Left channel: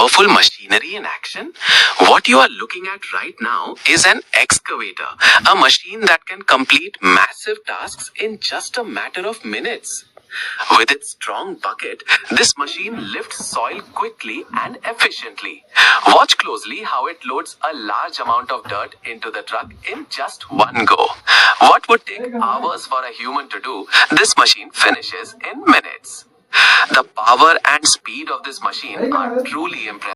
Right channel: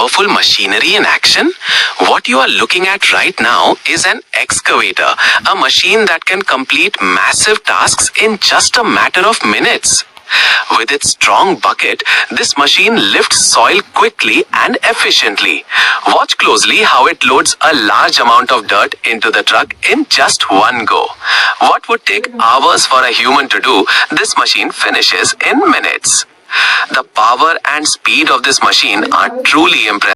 powerful machinery in action? What you are looking at right now is an excavator, a machine that can complete massive tasks in just a matter of minutes. With its strong bucket, this machine lifts soil quickly and efficiently. Watch closely how it loads a large amount of dirt into the truck in just one go. What would take hours for a human to do, this machine finishes in minutes. The power and speed of this machine are truly impressive.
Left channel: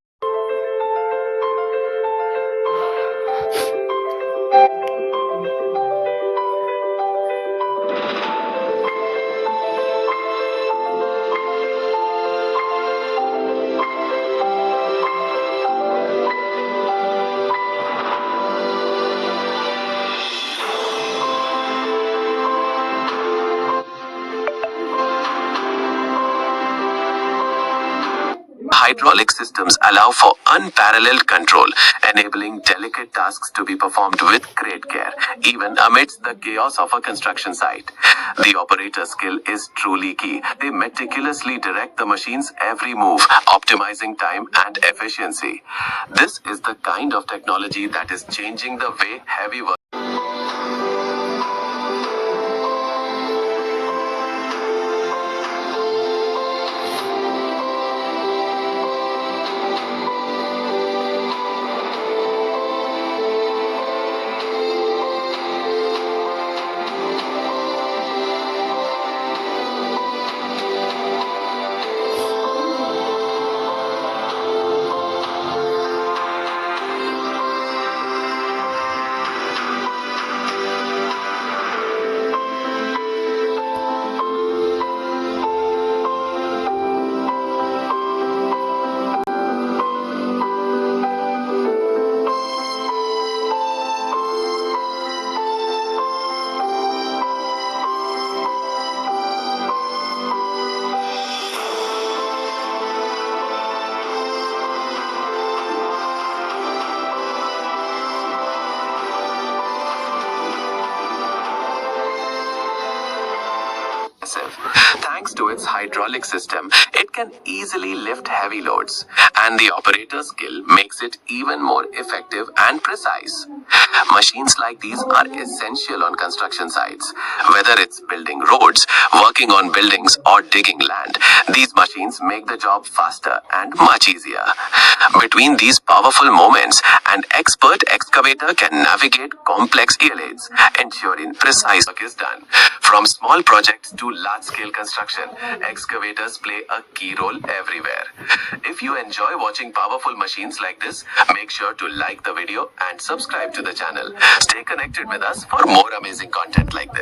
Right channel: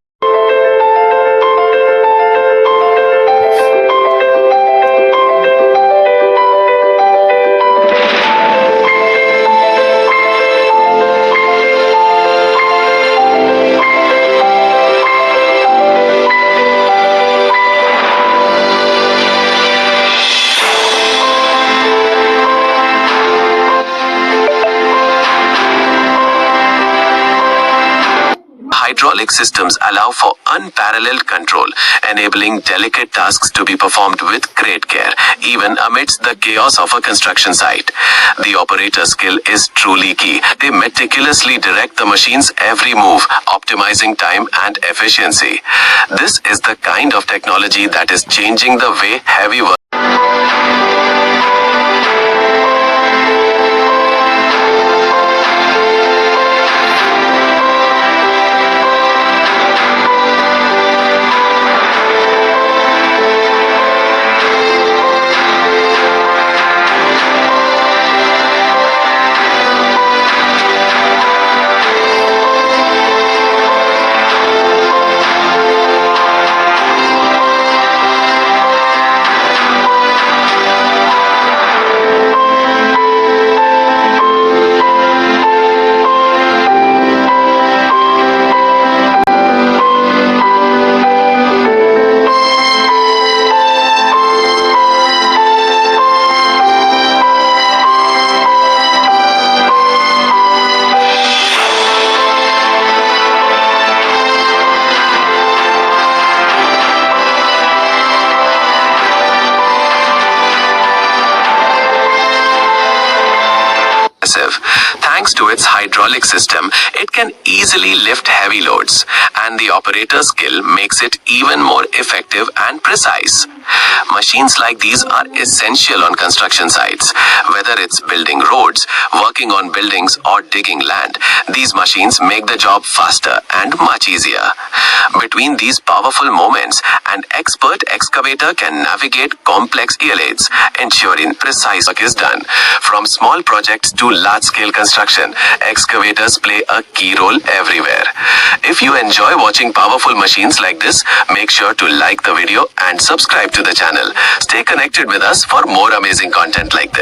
Hydraulic systems allow for unparalleled control, enabling delicate tasks to be performed with great care, even amidst the chaos of a construction site. The operator's skill is truly key. They meticulously direct the machine's every move, optimizing time and efficiency. This is the kind of technology that is changing the way heavy work. Thanks to its hydraulic system, it can easily lift heavy loads, and the operator's skill makes it even more effective and precise. Machines like these are essential on construction sites. Whether it's building roads, working on buildings, or digging land, these machines make the job faster and much easier. Between these powerful moments, an expert excavator can navigate complex areas, ensuring precise work is done. From small projects to large-scale construction, excavators play a key role everywhere. If you enjoy watching powerful machines like this, make sure to like the video and subscribe to the channel. Stay connected with us for more amazing content like this.